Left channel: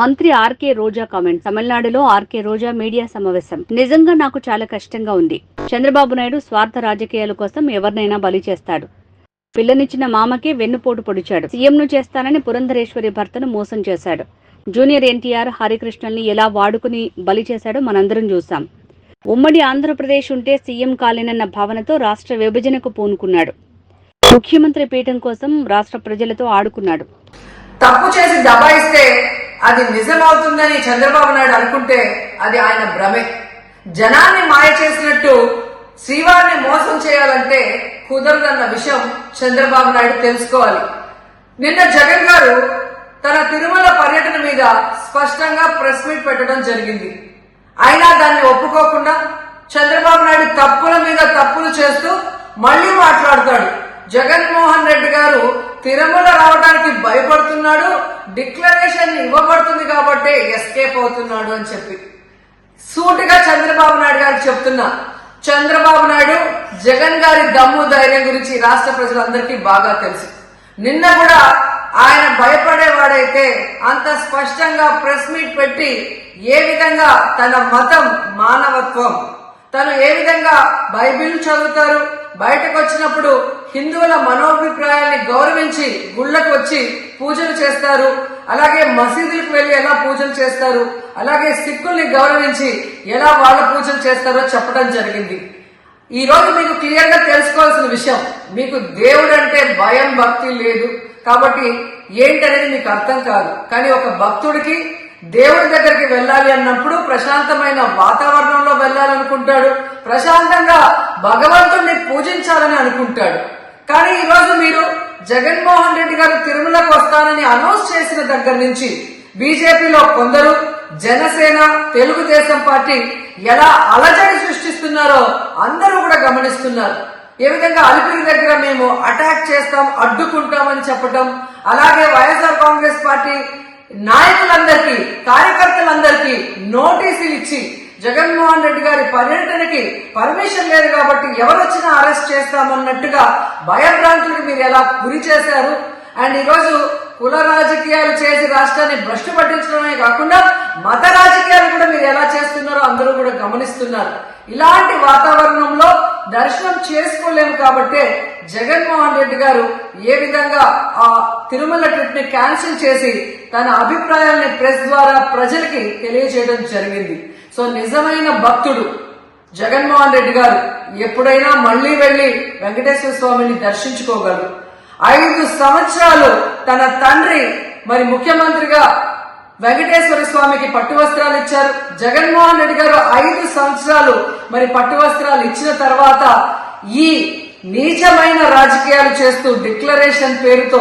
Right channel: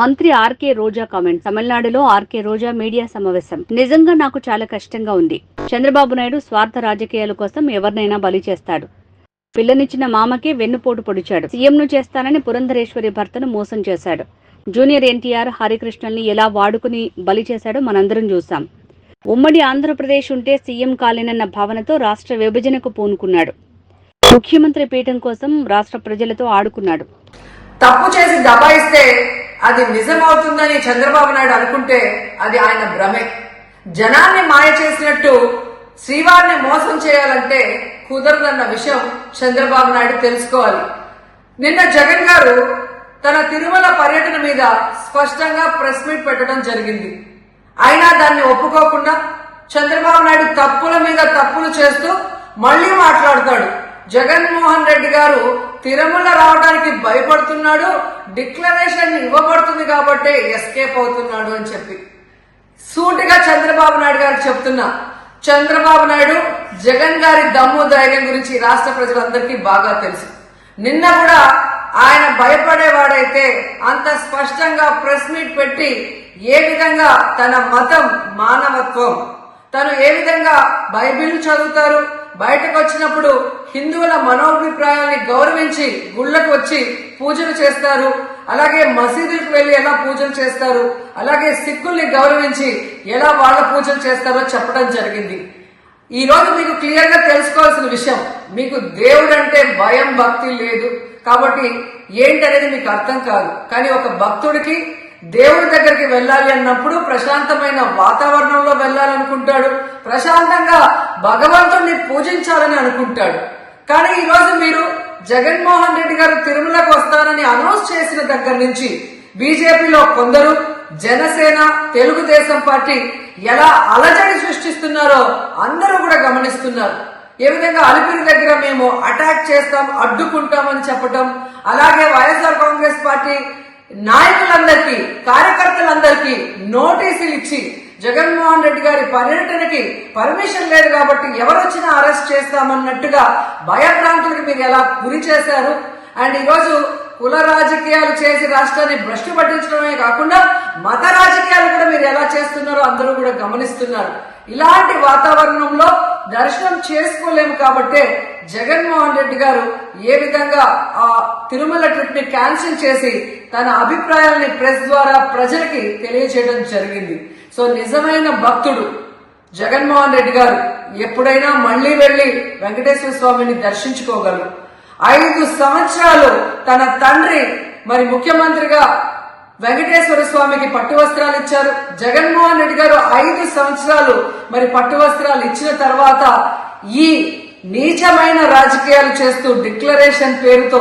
మంత్రి ఆర్కే రోజా కామెంట్. తమిళనాడులో ఆర్కే రోజా మీడియా సమావేశం. నిజంగా నాకు చాలా కష్టంగా ఉంది. చంద్రబాబు నాయుడు స్వార్థ రాజకీయాల కోసం ఎవరినైనా బలి చేస్తాడు. పిల్లనిచ్చిన మామకే వెన్నుపోటు పొడిచాడు. సీఎంను చేస్తానని పురంధరేశ్వరి భర్తను మోసం చేశాడు. జూనియర్ ఎన్టీఆర్ హరికృష్ణల్ని ఎలా వాడుకుని బలి చేశాడో మనందరం చూశాం. ఉమ్మడి ఆంధ్రప్రదేశ్ ఉంటే సీఎం కాలేనన్న భావనతో రాష్ట్ర విభజనకు పూనుకున్నాడు. ముఖ్యమంత్రి పీఠం కోసం రాష్ట్ర ప్రజలతో ఆడుకున్నాడు. తప్పు చేసి దబాయిస్తే అది నిజమవుతుందని చంద్రబాబు నాయుడు అనుకుంటే అది ఆయన భ్రమే. జనాన్ని మాయ చేసినట్టు శ్రీవారిని మోసం చేయాలంటే కుదరదన్న విషయం చంద్రబాబు నాయుడు తెలుసుకోవాలి. నిన్న జగన్ గారు తన తిరుమల పర్యటన మీద స్పష్టంగా ప్రెస్ మీట్ పెట్టడం జరిగింది. అయినా దాన్ని ఒప్పుకోకుండా చంద్రబాబు నాయుడు తప్పుల మీద తప్పులు చేస్తూ మళ్లీ మాట్లాడతాడు. జగన్మోహన్ రెడ్డి గారు తిరుమల రావడానికి భయపడుతున్నాడు, డిక్లరేషన్ ఇవ్వబడుతుంది కాబట్టి ఎస్కేప్ అవుతున్నాడు అని చెప్పి సూటిగా చంద్రబాబు నాయుడు గారికి చెప్తున్నా. చంద్రబాబు నాయుడు జగన్ గారి దమ్ము ధైర్యం గురించి రాష్ట్ర ప్రజలందరికీ బాగా తెలుసు. నిన్న కూడా ఆయన భయపడేవాడైతే అంత స్పష్టంగా ప్రెస్ మీట్ పెట్టి ఏ విధంగా తన మతం మానవత్వం, తను ఏ విధంగా బైబిల్ చదువుతారు, బయటకు వచ్చినప్పుడు హిందువుల మనోభిప్రాయాల్ని గౌరవించి గుళ్లకు వచ్చి పూజలు చేస్తారు, అలాగే మసీదులకు వెళ్లి ఎలా పూజలు చేస్తారు, అలాగే సిక్కుల్ని గౌరవించి ఎలా వాళ్ళ పూజలు చేస్తారో చెప్పడం జరిగింది. ఈ రోజు మీకు క్లియర్ గా తెలుసుకోవాల్సిన విషయం, మీకు దేవుడు అంటే భయం భక్తి లేదు కాబట్టి ఏంటనేది మీకు అర్థం కాదు. కానీ ఒక భక్తుడికి దేవుడి దగ్గరికి వెళ్ళాలి అన్నప్పుడు ప్రశాంతమైన వాతావరణంలో వెళ్ళాలనుకుంటాడు, ప్రశాంతంగా భగవంతుడిని పూజించాలని అనుకుంటాడు. కానీ ఈ రోజు మీరు జగన్మోహన్ రెడ్డి గారు తిరుమలకు వస్తారని అనౌన్స్ చేసిన దగ్గర నుంచి బీజేపీలో కొందరు, జనసేన, తెలుగుదేశం పార్టీ ఎలా అలజడి సృష్టిస్తున్నారో అందరూ కూడా గమనిస్తున్నారు. ఏ విధంగా అలిపిరి దగ్గర మేము అటాక్ చేస్తాం, అడ్డుకుంటామని చెప్పటం, అలాగే వైఎస్ఆర్ కాంగ్రెస్ పార్టీ నాయకులందరికీ, కార్యకర్తలందరికీ నోటీసులు ఇచ్చి జగన్మోహన్ రెడ్డి గారి పర్యటనకి పర్మిషన్ లేదు కాబట్టి ఎవరొచ్చినా అరెస్ట్ చేస్తామన్నట్టుగా భయభ్రాంతులకు మీరు ఎలా గురి చేశారు. అండ్ ఈరోజు కుల రాజకీయాలు చేసి రాష్ట్రాన్ని భ్రష్టు పట్టించడమే కాకుండా మత రాజకీయాలు కూడా మీరు ఎలా చేస్తున్నారో అందరూ కూడా గమనిస్తున్నారు. ఇలాంటి వాతావరణంలో దర్శనం చేసుకోలేము కాబట్టే జగన్మోహన్ రెడ్డి గారు ఏ విధంగా ఆ తిరుమల ట్రిప్ ని క్యాన్సిల్ చేసి తన అభిప్రాయాల్ని ప్రెస్ ద్వారా ప్రజలకి తెలియజేయడం జరిగింది. సో నిజమైన భక్తుడు జగన్మోహన్ రెడ్డి గారు ఎప్పుడైనా మళ్లీ వెళ్లి వెంకటేశ్వర స్వామిని దర్శించుకోగలరు. 5 సంవత్సరాలు తన తండ్రి మరి ముఖ్యమంత్రిగా వెంకటేశ్వర స్వామికి పట్టు వస్త్రాలు ఇచ్చారు. జగన్మోహన్ రెడ్డి గారు 5 సంవత్సరాలు మరి పట్టు వస్త్రాలు ఇచ్చిన తర్వాత ఈ నీచమైన రాజకీయాలు చేస్తూ డిక్లరేషన్ పేరుతో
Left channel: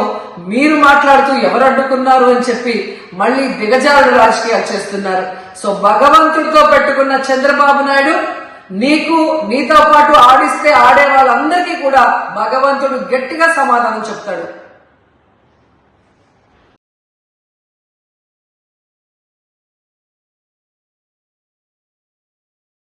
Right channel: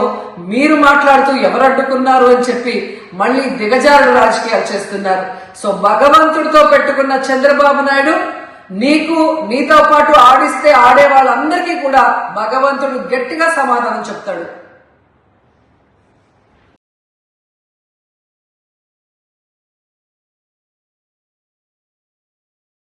మీరు మాట్లాడుతూ ఎవరు అడ్డుకున్నారు అని చెప్పి మళ్లీ దిగజారుడు రాజకీయాలు చేస్తున్నారు. సో భగవంతుడితో పెట్టుకున్న చంద్రబాబు నాయుడు నీతో పాటు ఆడిస్తే ఆడే వాళ్ళందరికీ కూడా భగవంతుడు గట్టిగా సమాధానం చెప్తాడు.